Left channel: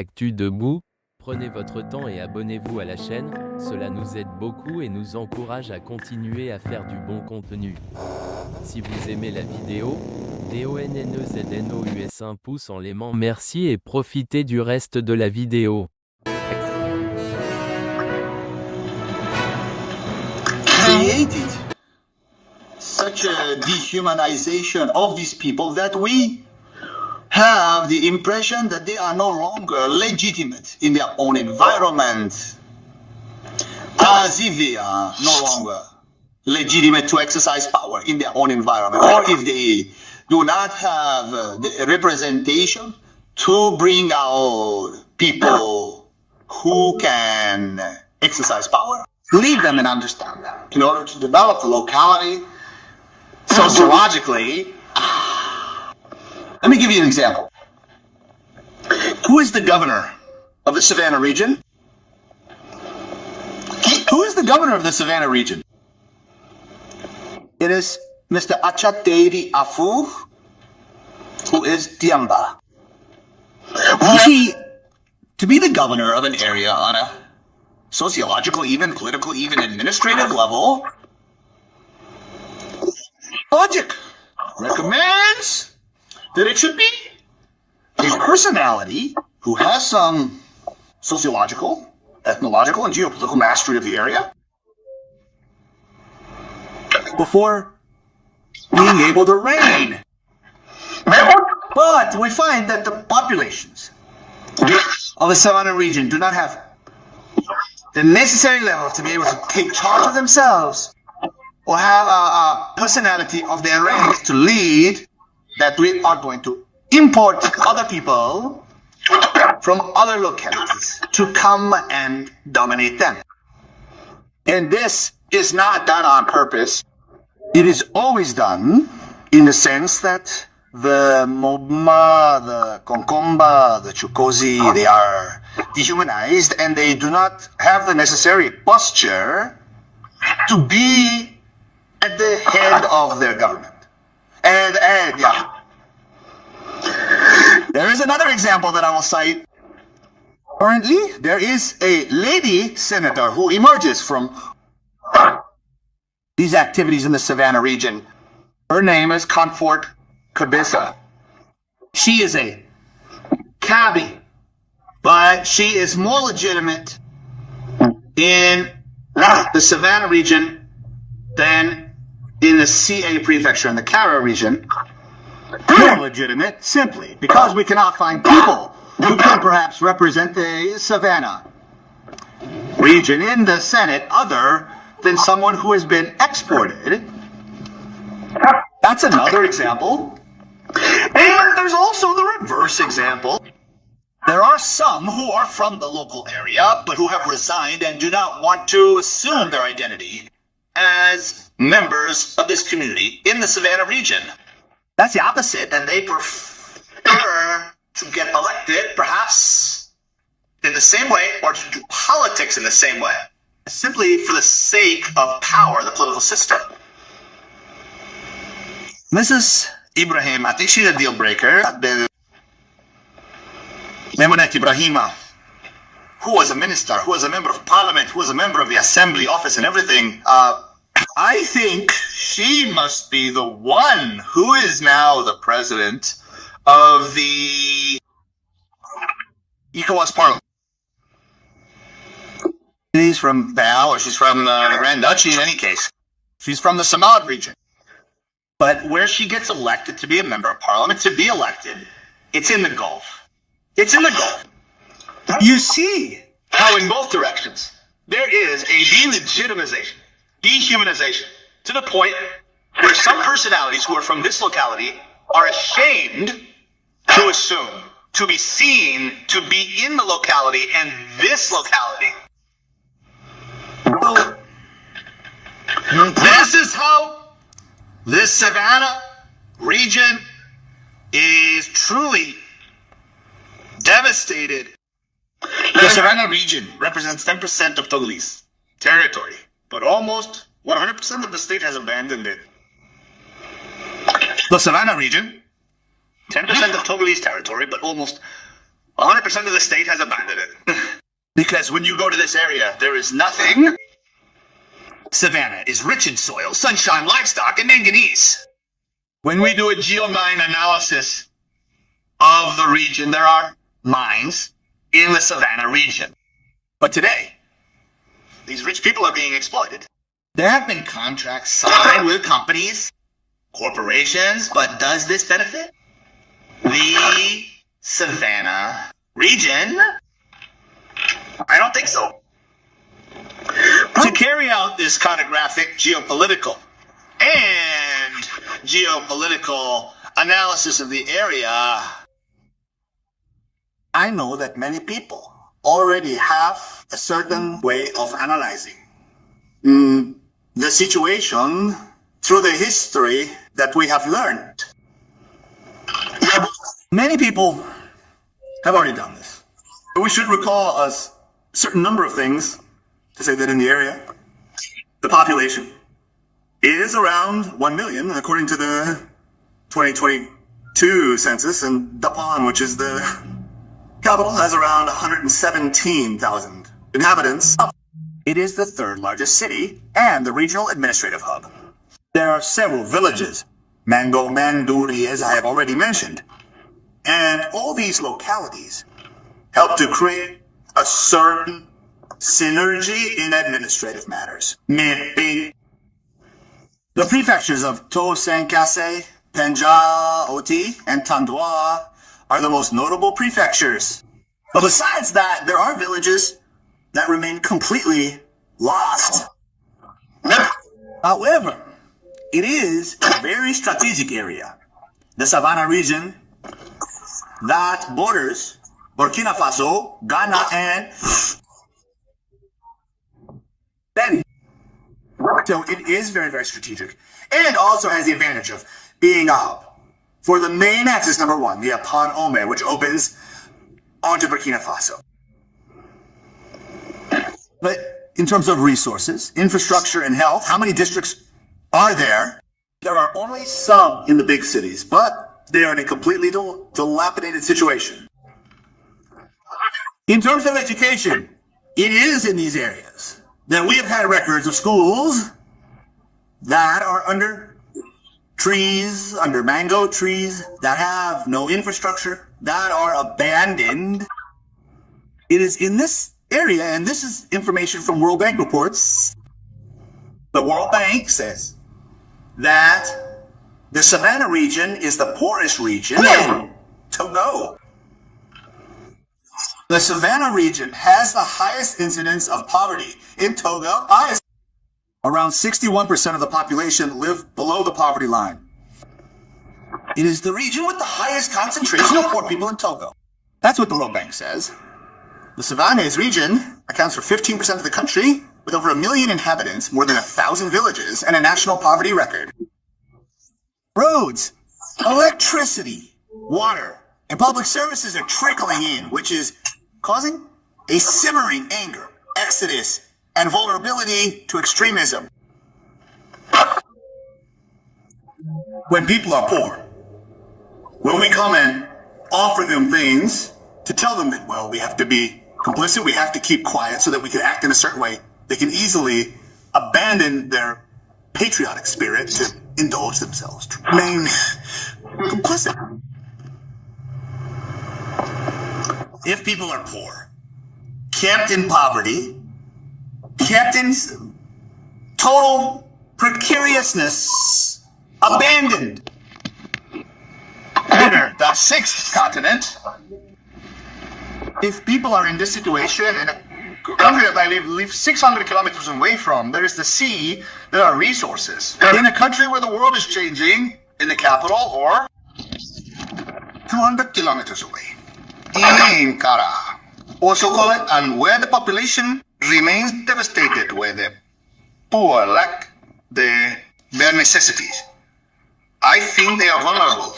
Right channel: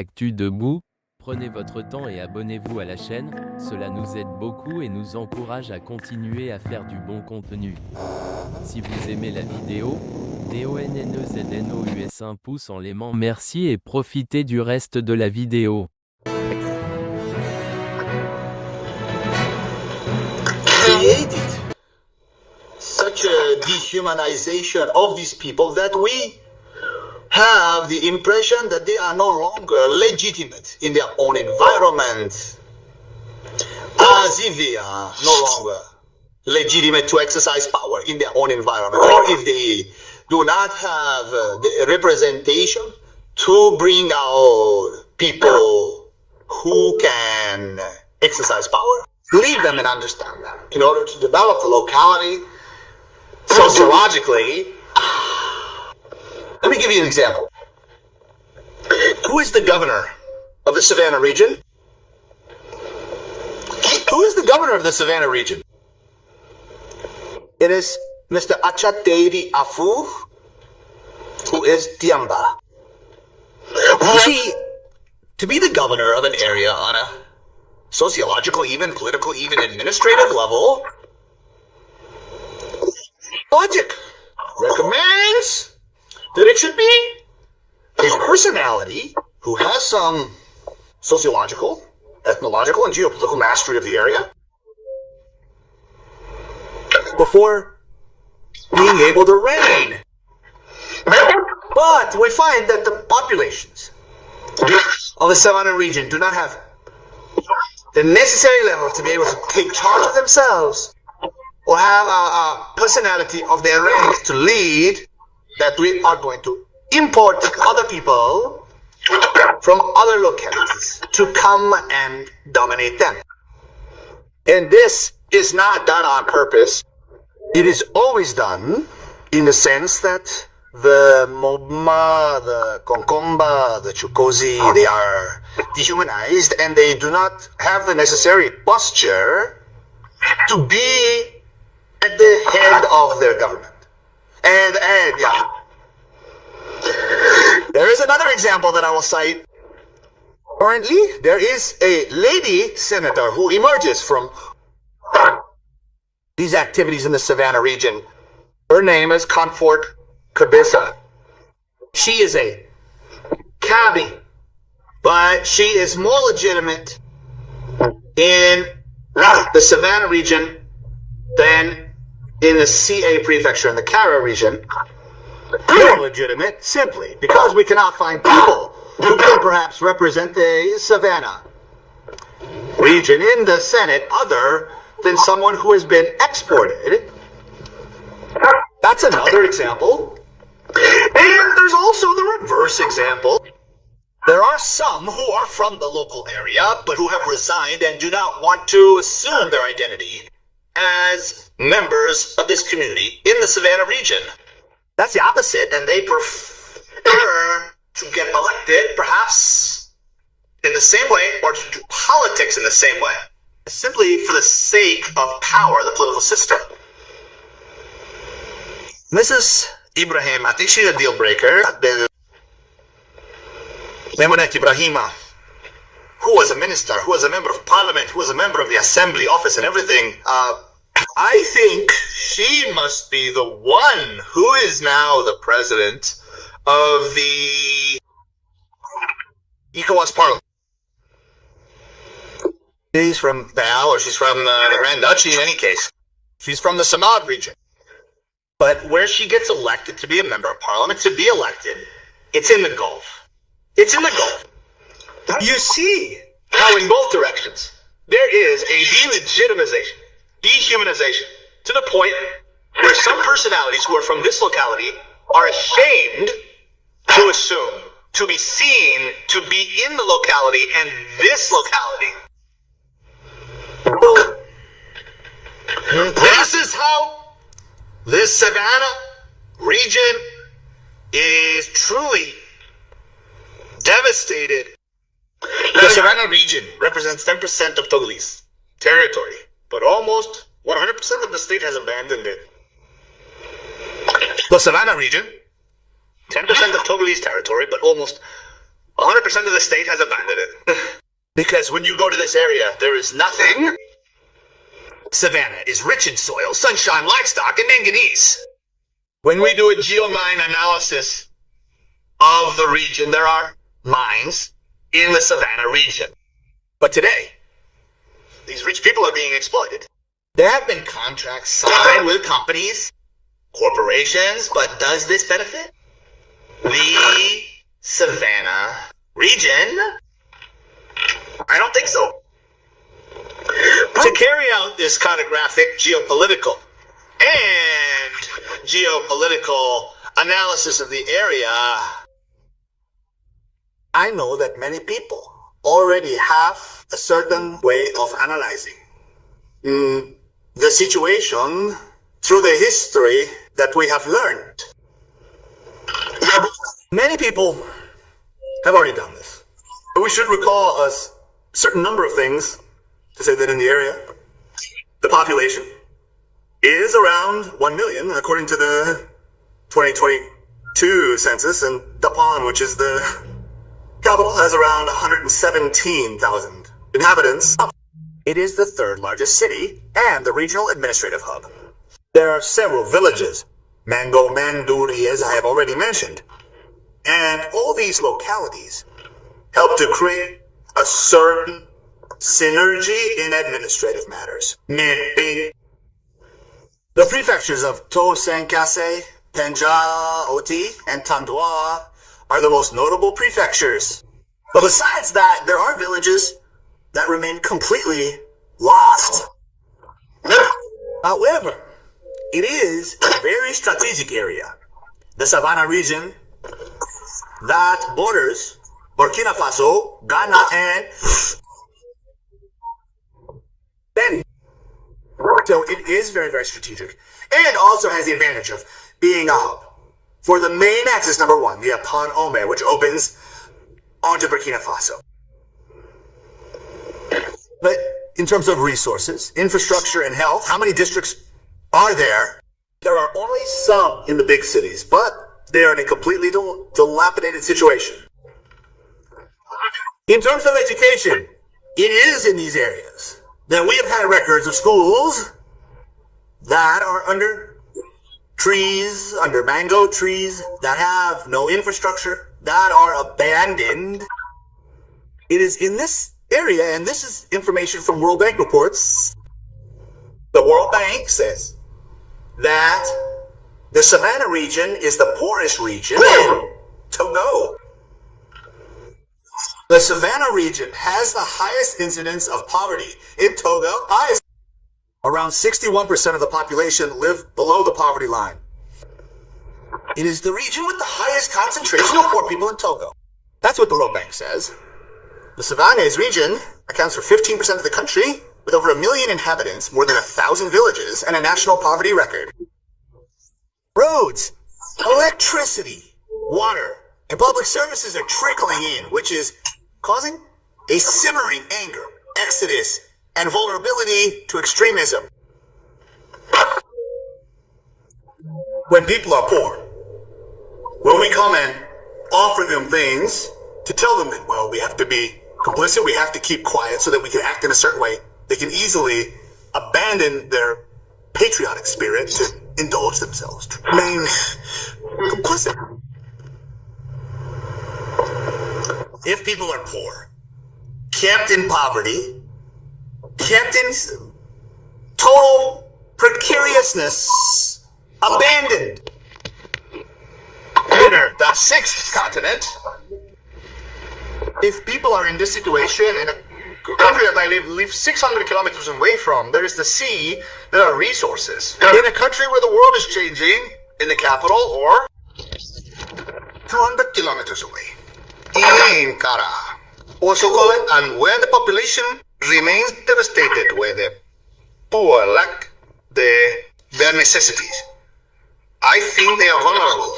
Actu debout, prenez votre temps et abonnez-vous à la chaîne, cela nous aide beaucoup et nous encourage à continuer à faire du bon contenu. Si vous aimez la vidéo, DONNEZNOUS un pouce en l'aimant, merci et profitez du reste de la vidéo. Created such a dehumanization of these people that we have the impression that they are no longer legitimate in their own environment, as if they are no longer legitimate to exercise power in their own environment, or if they do not have the representation to bring out people who can exercise power. Lead them and understand them in order to develop the locality sociologically. Let me give you an example. Who is the governor of the Savannah region? Who is the governor of the Savannah region? It is Mr. Achateri Afu, who is Diamba. You see, to be the governor of an area on a sociological, even political, even administrative level, logic recommends that it should be a personality who has some sociological, ethnological, and geopolitical mastery of the area before being able to reign. But we find that the populations of the Savannah region do not have the necessary level to be able to take charge of themselves or have a personality of their rank to lead, that we are going to import other people from other localities to come and dominate them. And this is not done on purpose. It is always done in the sense that the Moma, the Konkomba, the Chukozi, they are dehumanized and they do not have the necessary posture to be at the head of their government. And yeah. There is another example that I will cite. Currently, there is a lady senator who emerges from these activities in the Savannah region. Her name is Comfort Cabeza. She is a cabbie, but she is more legitimate in the Savannah region than in the CA prefecture in the Kara region. More legitimate simply because we cannot find people who can perhaps represent the Savannah region in the Senate other than someone who has been exported. That's another example. And there's also the reverse example. There are some who are from the local area, but who have resigned and do not want to assume their identity as members of this community in the Savannah region. That's the opposite, and they prefer to get elected, perhaps in the same way, or to do politics in the same way, simply for the sake of power, the political system. Mrs. Ibrahim, I think she's a deal breaker. Memonet Ibrahima, who was a minister, who was a member of parliament, who was a member of the assembly office and everything, I think she must be the one who is now the president of the ECOWAS parliament. She's from Bal, or she's from the Grand Duchy in any case. She's from the Samad region. But where she gets elected to be a member of parliament, to be elected, it's in the Gulf. It's in the Gulf. You see how in both directions there is a delegitimization, dehumanization, to the point where some personalities who are from this locality are ashamed to assume, to be seen, to be in the locality and this locality. So, this is how this Savannah region is truly devastated. The Savannah region represents 10% of Togolese territory, but almost 100% of the state has abandoned it. The Savannah region, 10% of Togolese territory, but almost 100% of the state has abandoned it. Because when you go to this area, there is nothing. Savannah is rich in soil, sunshine, livestock, and manganese. When we do a geomine analysis of the region, there are mines in the Savannah region. But today, these rich people are being exploited. There have been contracts signed with companies, corporations, but does this benefit the Savannah region? I don't think so. To carry out this cartographic geopolitical and geopolitical analysis of the area, I know that many people already have a certain way of analyzing the situation through the history that we have learned. Many people have already done this. But we should recall a certain number of things to say that in the area, the population is around 1 million, according to the 2022 census, and Dapan, which is the capital, has around 117,000 inhabitants. It is the third largest city and the regional administrative hub. There are several villages, Mango, Manduri, as I have already mentioned, and all these localities help to create a certain synergy in administrative matters. The prefectures of Togo-Senkase, Penja, Oti, and Tandwa are the most notable prefectures. But besides that, there are villages that remain completely lost. However, it is a very strategic area, the Savannah region, that borders Burkina Faso, Ghana, and Benin. So it is very, very strategic, and also has the advantage of being a hub for the main axis number one, the Apan Ome, which opens onto Burkina Faso. But in terms of resources, infrastructure, and health, how many districts are there? There are only some in the big cities, but they are in a completely dilapidated situation. In terms of education, it is in these areas that we have had records of schools that are under trees, under mango trees, that have no infrastructure, that are abandoned. It is in this area, and this is information from World Bank reports. The World Bank says that the Savannah region is the poorest region in Togo. The Savannah region has the highest incidence of poverty in Togo. Around 61% of the population live below the poverty line. It is the region with the highest concentration of poor people in Togo. That's what the World Bank says. The Savannah's region accounts for 15% of the country, with over 1 million inhabitants, more than 1,000 villages, and a national poverty record. Roads, electricity, water, and public services are trickling in, which is causing a simmering anger, exodus, and vulnerability to extremism. When people are poor, when we come and offer them things to tell them that, well, we have to be complicit, we have to keep quiet so that we can act in a certain way, they can easily abandon their patriotic spirit to indulge themselves, to remain complicit. If people are poor, kept in poverty, kept in total precariousness, abandoned. Enter the sixth continent. If people are in this situation in a country that I live 600 kilometers away from, there is the sea, there are resources. In a country where the world is changing, in the capital, or 200 kilometers away, in Kara, also call it, and where the population remains devastated, where the poor lack their necessities, I think they are vulnerable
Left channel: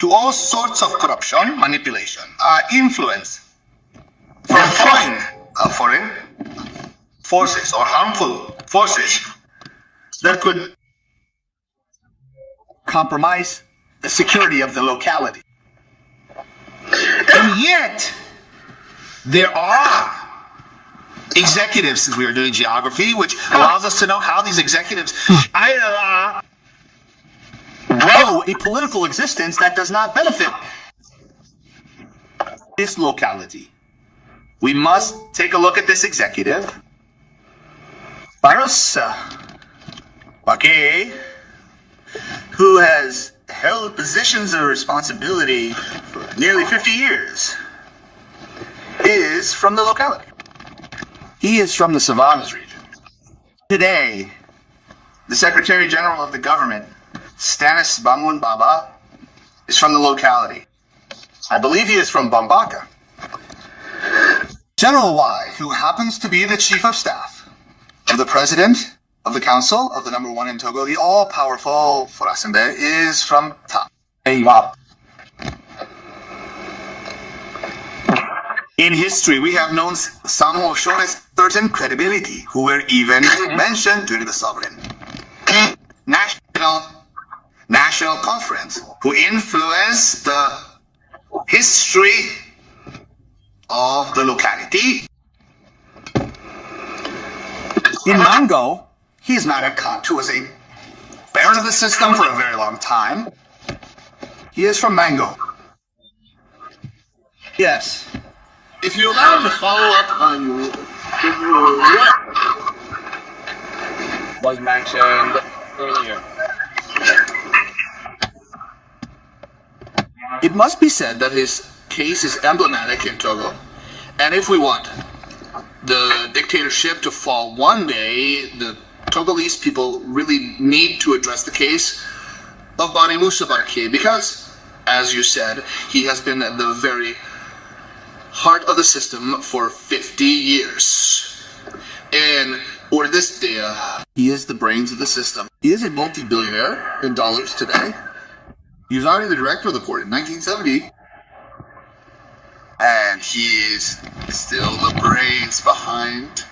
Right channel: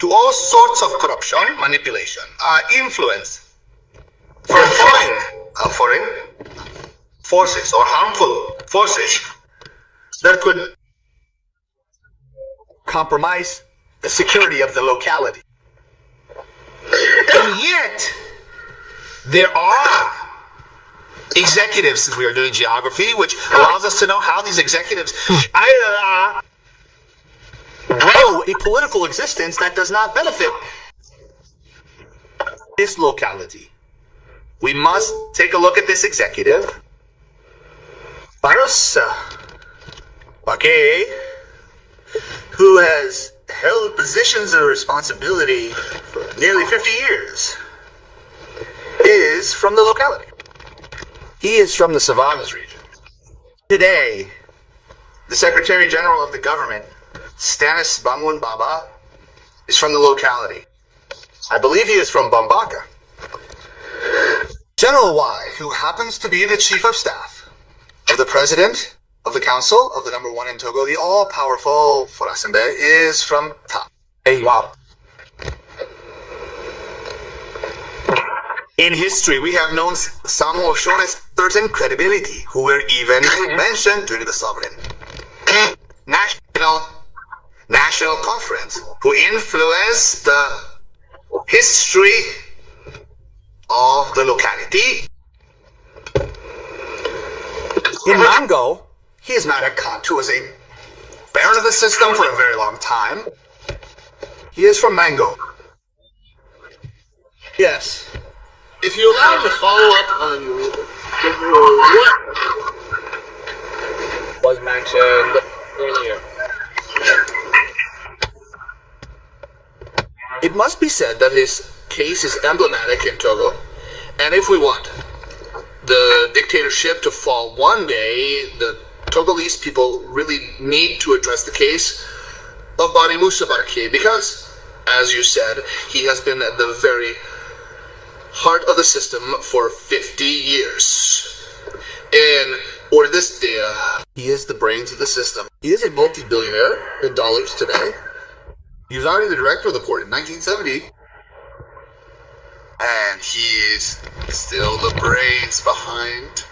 to all sorts of corruption, manipulation, influence from foreign forces or harmful forces that could compromise the security of the locality. And yet, there are executives, since we are doing geography, which allows us to know how these executives grow a political existence that does not benefit this locality. We must take a look at this executive, Barke, who has held positions of responsibility for nearly 50 years, is from the locality. He is from the Savannas region. Today, the Secretary General of the government, Stanis Bamun Baba, is from the locality. I believe he is from Bambaka. General Y, who happens to be the Chief of Staff of the President of the Council of the number 1 in Togo, the all-powerful Forasembe, is from Ta. In history, we have known some who have shown a certain credibility, who were even mentioned during the sovereign national conference, who influenced the history of the locality. In Mango, he is not a cunt who was a baron of the system for a very long time. He is from Mango. Yes. If you allow me to follow up on what was mentioned earlier. It must be said that his case is emblematic in Togo, and if we want the dictatorship to fall one day, the Togolese people really need to address the case of Moussa Barke, because, as you said, he has been at the very heart of the system for 50 years. And or this day, he is the brains of the system. He is a multi-billionaire in dollars today. He was already the director of the port in 1970. And he is still the brains behind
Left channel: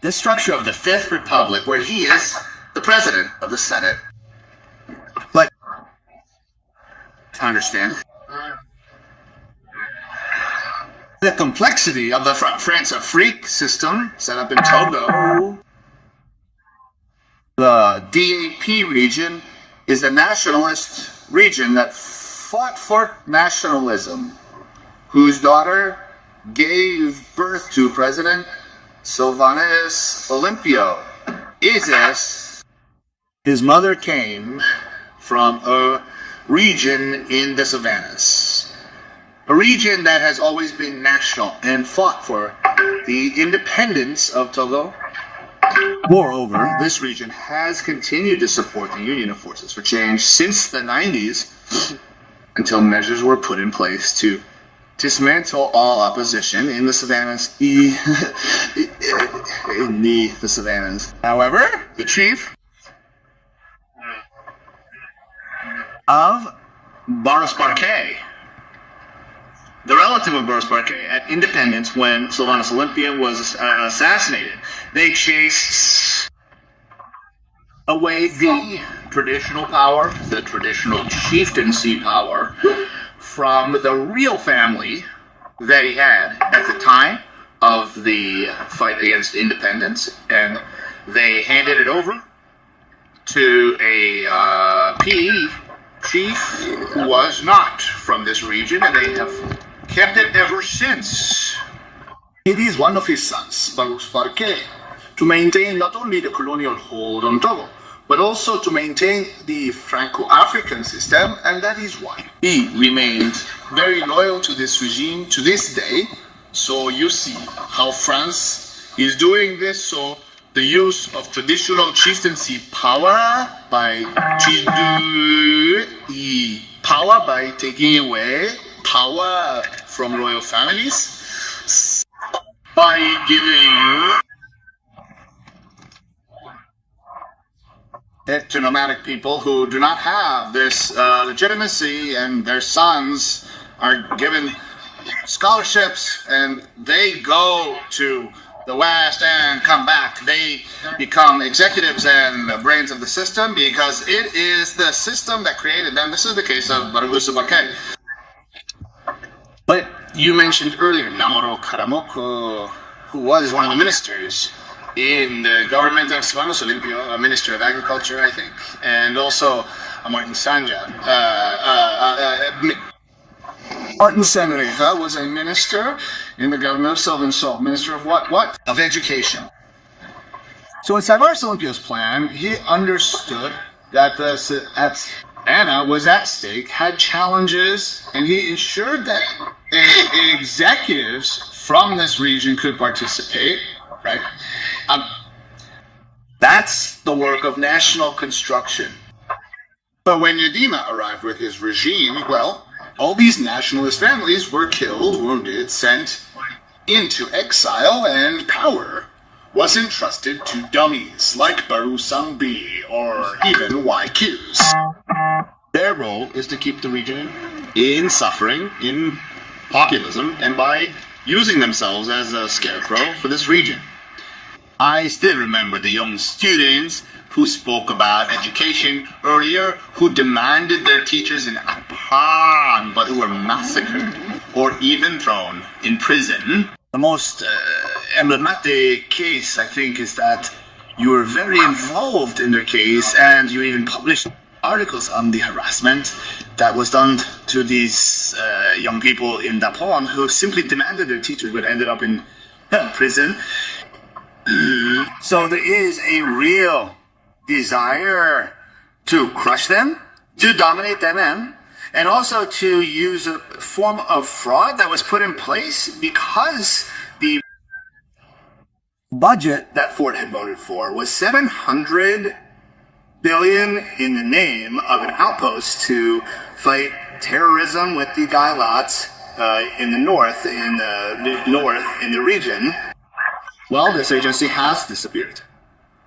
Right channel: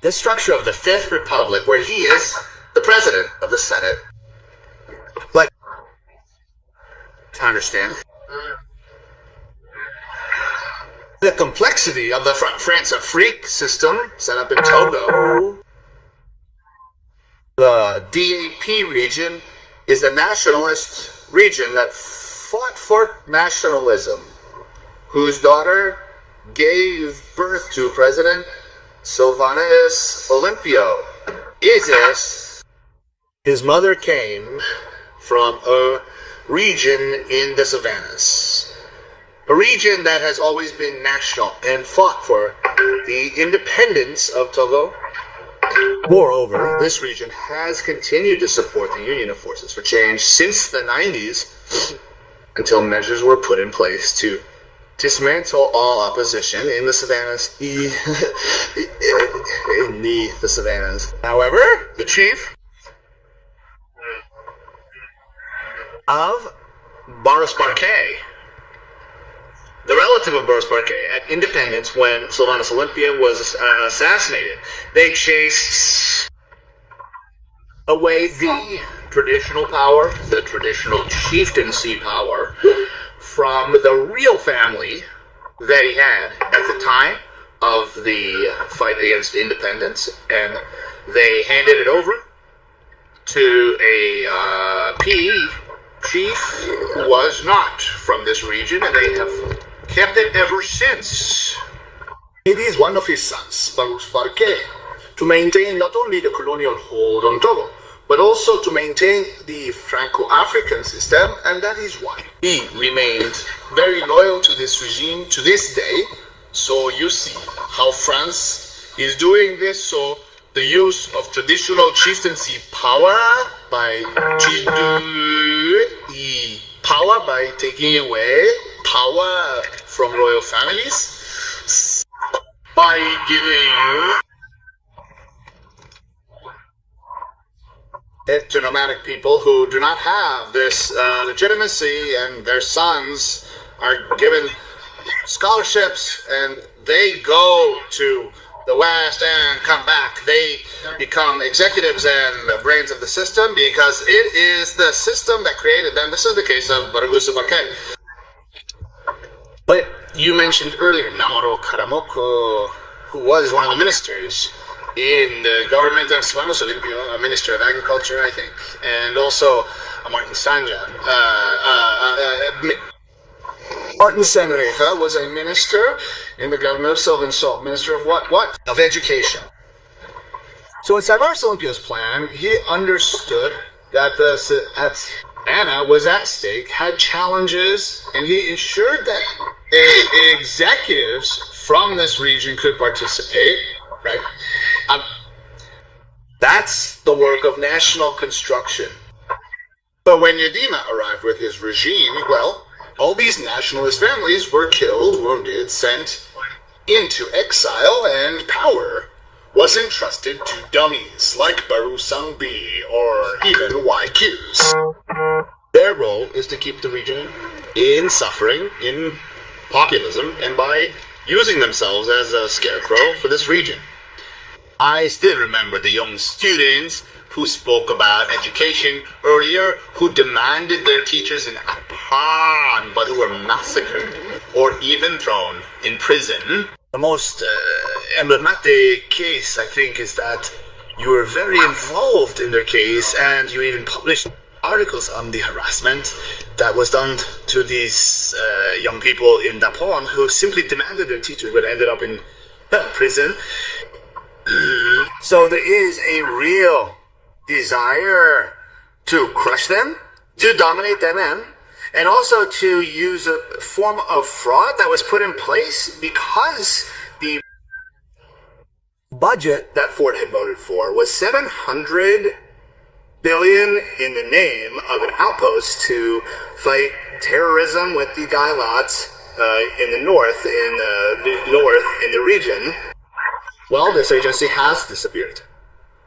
the structure of the Fifth Republic, where he is the president of the Senate. But to understand the complexity of the France-Afrique system set up in Togo, the DAP region is a nationalist region that fought for nationalism, whose daughter gave birth to President Sylvanus Olympio. Isis, his mother came from a region in the Savannas, a region that has always been national and fought for the independence of Togo. Moreover, this region has continued to support the Union of Forces for Change since the 90s, until measures were put in place to dismantle all opposition in the Savannas. The Savannas. However, the chief of Boris Barke, the relative of Boris Barke, at independence when Sylvanus Olympia was assassinated, they chased away the traditional power, the traditional chieftaincy power, from the real family that he had at the time of the fight against independence, and they handed it over to a PE chief who was not from this region, and they have kept it ever since. It is one of his sons, Boris Barke, to maintain not only the colonial hold on Togo, but also to maintain the Franco-African system, and that is why he remained very loyal to this regime to this day. So you see how France is doing this. So the use of traditional chieftaincy power by taking away power from royal families, by giving it to nomadic people who do not have this legitimacy, and their sons are given scholarships and they go to the West and come back. They become executives and the brains of the system because it is the system that created them. This is the case of Barke. But you mentioned earlier Namoro Karamoko, who was one of the ministers in the government of Svanos Olympio, a minister of agriculture, I think, and also Martin Sanja. Martin Sanreja was a minister in the government of Sylvan Salt. Minister of what? Of education. So in Savaris Olympio's plan, he understood that Anna was at stake, had challenges, and he ensured that executives from this region could participate, right? That's the work of national construction. But when Yadima arrived with his regime, well, all these nationalist families were killed, wounded, sent into exile, and power was entrusted to dummies like Baru Sangbi or even YQs. Their role is to keep the region in suffering, in populism, and by using themselves as a scarecrow for this region. I still remember the young students who spoke about education earlier, who demanded their teachers in Apan, but who were massacred or even thrown in prison. The most emblematic case, I think, is that you were very involved in their case and you even published articles on the harassment that was done to these young people in Dapon who simply demanded their teachers but ended up in prison. So there is a real desire to crush them, to dominate them, and also to use a form of fraud that was put in place because the budget that Ford had voted for was $700 billion in the name of an outpost to fight terrorism with the Gailots in the north, in the region. Well, this agency has disappeared.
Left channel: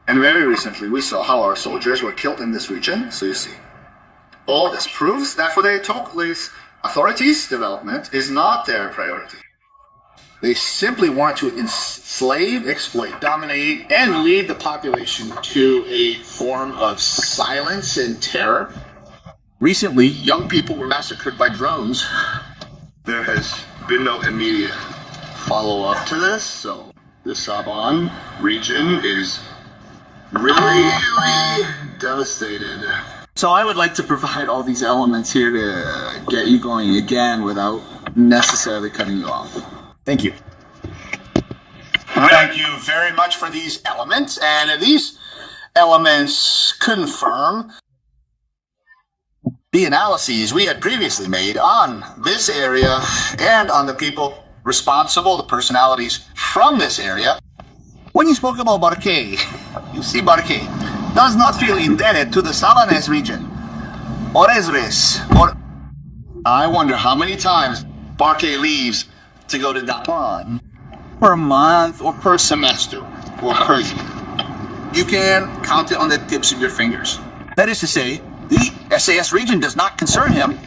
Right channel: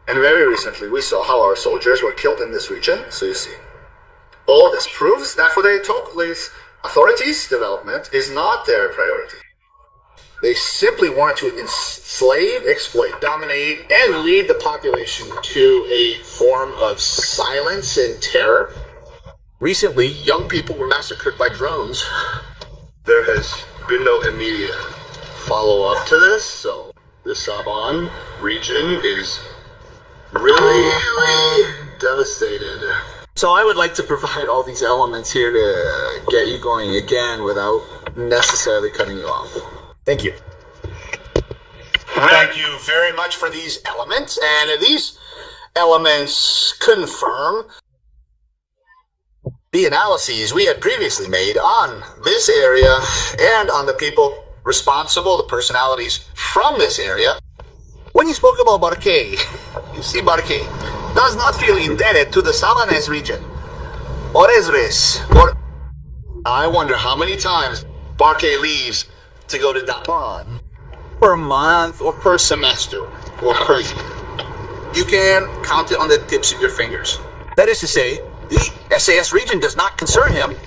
And very recently, we saw how our soldiers were killed in this region. So you see, all this proves that for the Togolese authorities, development is not their priority. They simply want to enslave, exploit, dominate, and lead the population to a form of silence and terror. Recently, young people were massacred by drones. There has been no immediate follow-up to this, so the Saban region is really devastated. So I would like to provide all these elements here to get you going again without necessarily cutting you off. Thank you. Thank you very much for these elements, and these elements confirm the analyses we had previously made on this area and on the people responsible, the personalities from this area. When you spoke about Barke, you see Barke does not feel indebted to the Savanese region, or Ezres, or... I wonder how many times Barke leaves to go to Dapan per month, or per semester, or per year. You can count it on the tips of your fingers. That is to say, the SAS region does not concern him.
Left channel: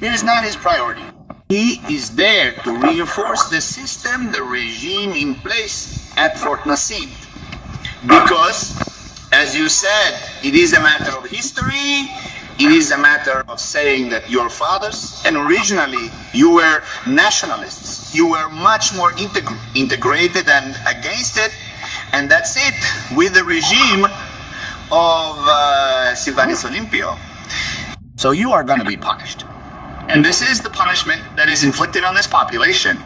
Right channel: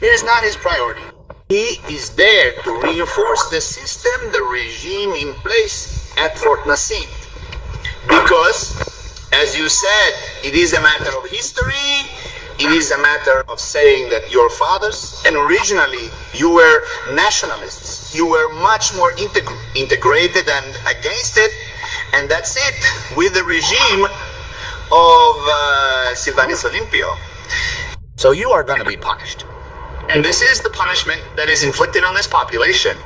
It is not his priority. He is there to reinforce the system, the regime in place at Fort Nassim. Because, as you said, it is a matter of history, it is a matter of saying that your fathers, and originally you were nationalists, you were much more integrated and against it, and that's it, with the regime of Sylvanus Olympio. So you are going to be punished. And this is the punishment that is inflicted on this population.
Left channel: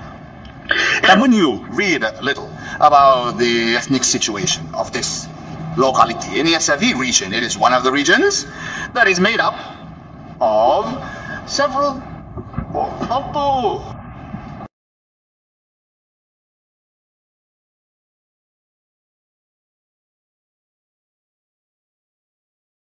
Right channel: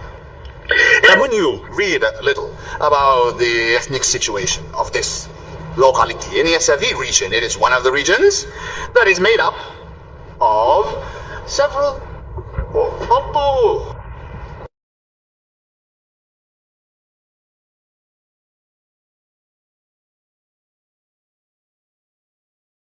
And when you read a little about the ethnic situation of this locality in the Savi region, it is one of the regions that is made up of several